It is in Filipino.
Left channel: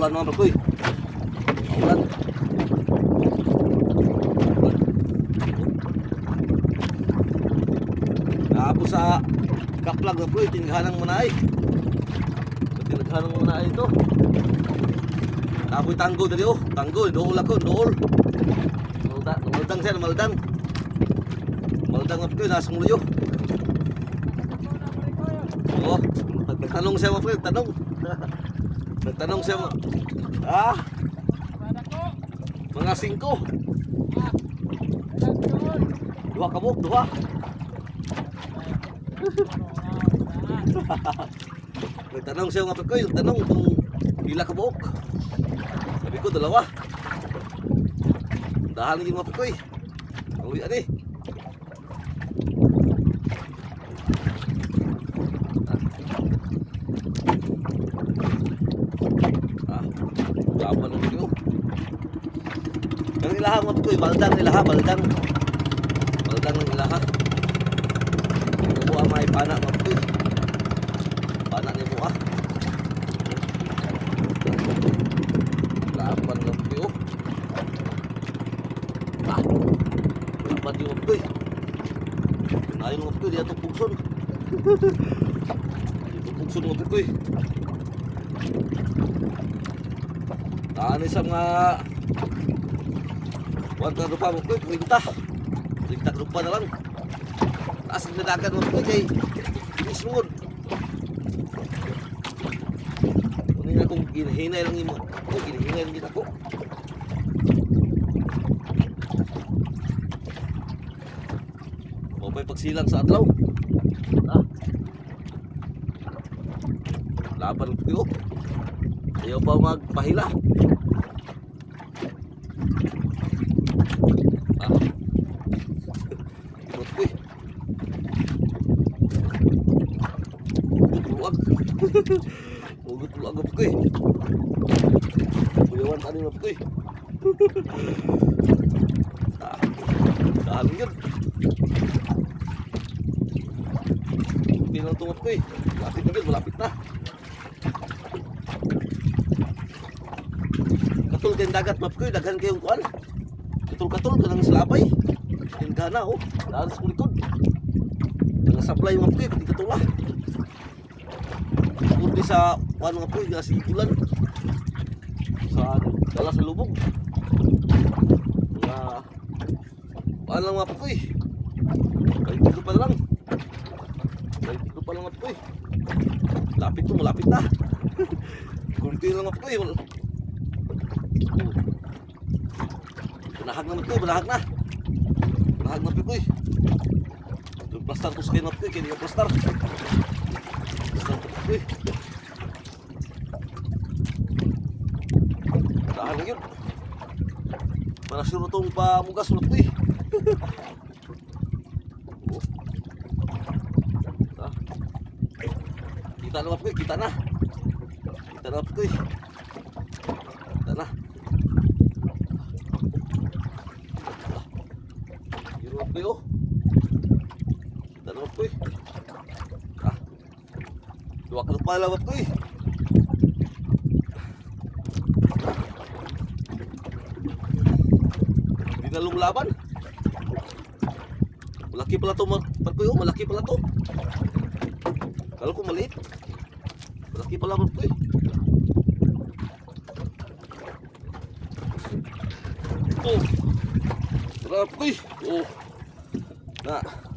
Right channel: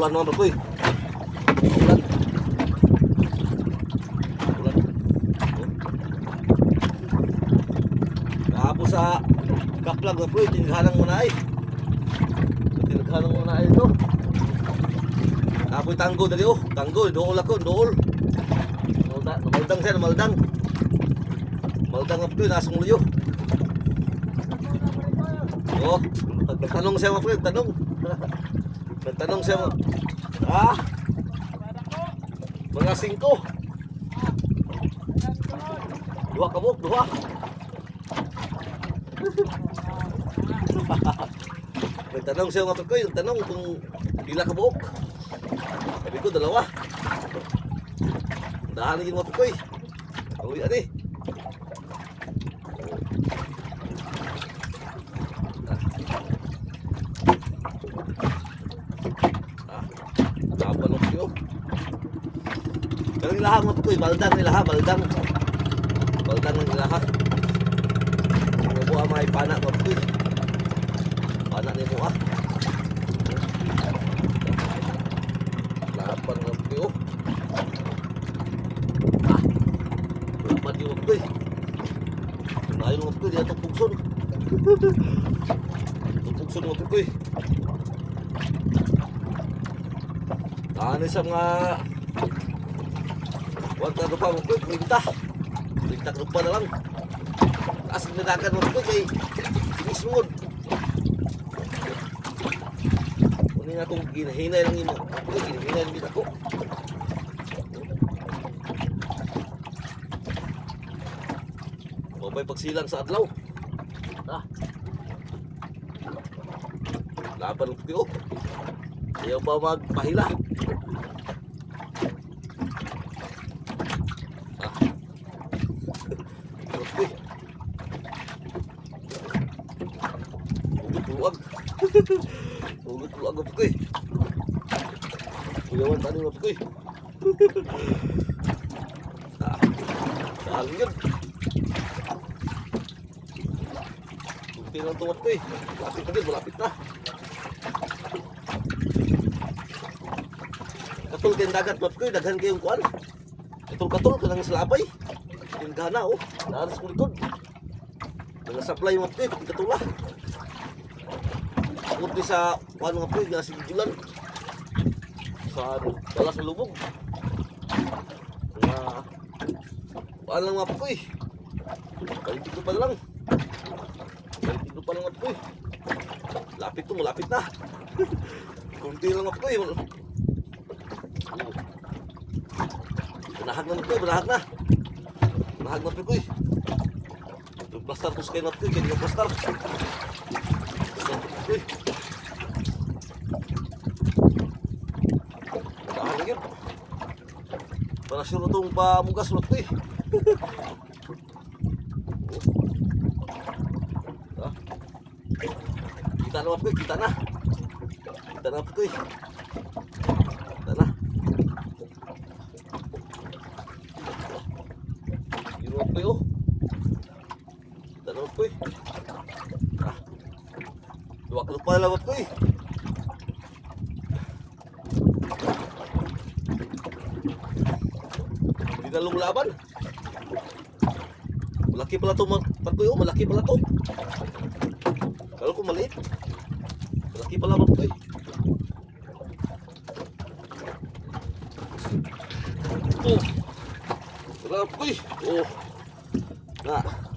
Maulan naman bro. Maulan. Tapos sa kaplag na bro, tinighanang muna ay. Tinighanang muna ay ito. Tapos tanggo dali oh, tanggo, dool ako, dool. Maldang siya, maldang. Maldang ako, nasa ngulo. Oh, nagtanong siya mga friend, tanong. Nagtanong siya mga, mga 5. Duha kabuk, duha. Nagtanong siya mga friend ko, tanong kung pila kabuk. Sabi ko, 2. Dahan lagi mga friend ko. Uwi ani. Gapan ako. Pero ilaha mo ito, baldang ilaha, baldang. Baldang ng ilaha. Ano mo may pana mo ito. Pana ni mo Gapan ng ito. Gapan yung ito. Lain mo ito, diya itong pugson. Itong pugson mo ito. Ano sa mga wanta rupa mo ko, perintah rupa na lang. Taas ang nadagan mo ko kay inismod. Kunin nga kung hinahinay lang mo. Ako, hinahinay lang din ako. Mabay pagsilang sa adlaw. Laban ko. Ayaw pa magpahila. Hugot luwag ako ko. Kuyawan tani mo ko. Dahil yun. Tinutungot ko. Malapit na din, malapit na. Katul din dagat map ko, daghan kayong kuan. Katul-katul kanang salabay. Tingkana oh, daan sa likod. Nga supply map ko, katula. Kundi sa kuan nga po, nga sigulan. Sa dala sa lubog. Nga kuan lang map ko eh. Balik pa lang. Balik pa lang map ko eh. Lapit to, malapit na. Kunti lang map ko eh. Banahag na ito, banahag na. Banahag na ito eh. Plastar ko sa kayo na ito eh, kaya nga plastar. Ito eh. Banahag na yun. Para sure itong pamugas na ito eh. Kita na ito eh, kita na. Kita na ito eh. Kita na. Pero tanong ko dua ka pa lang ko Hindi na laban. Malaki pala to Marcoy, malaki pala to. Kalau ko maliit. Malaki pala Marcoy. Oh. Marcoy. Oh. Nah.